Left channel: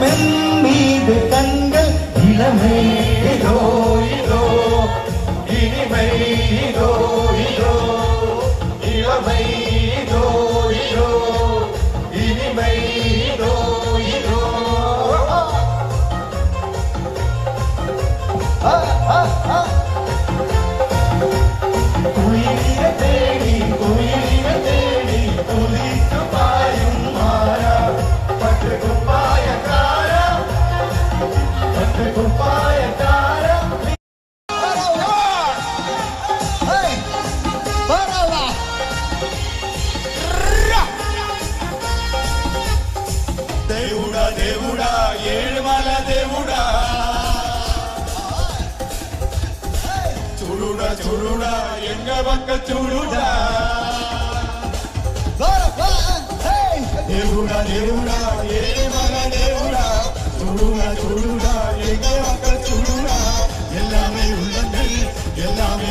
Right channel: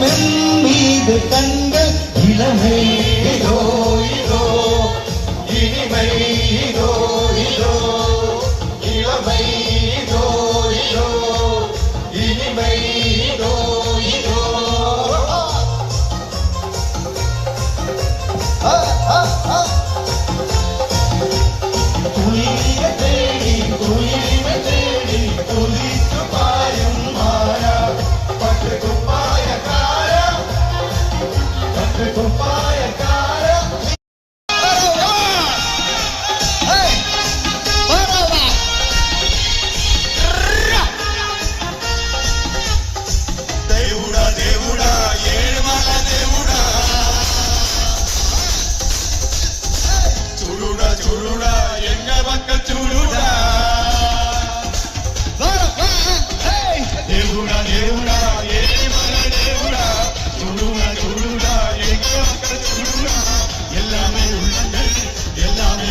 மீது கண்ட இளமை இதோ இதோ இனிமை இதோ இதோ இளமை இதோ இதோ இனிமை இதோ இதோ குயில தேடி குளித்து பாயும் மாயா பட்டு குப்பாயக்காரா பட்டு குப்பாயக்காரா దేవుడా దేవుడా ఏడుమల దేవుడా చూడుడా చూడుడా ఎంగ పక్క చూడుడా దేవుడా దేవుడా ఏడుమల దేవుడా చూడుడా చూడుడా ఎంగ పక్క చూడుడా எல்லாமே உள்ளங்கள் எல்லாமே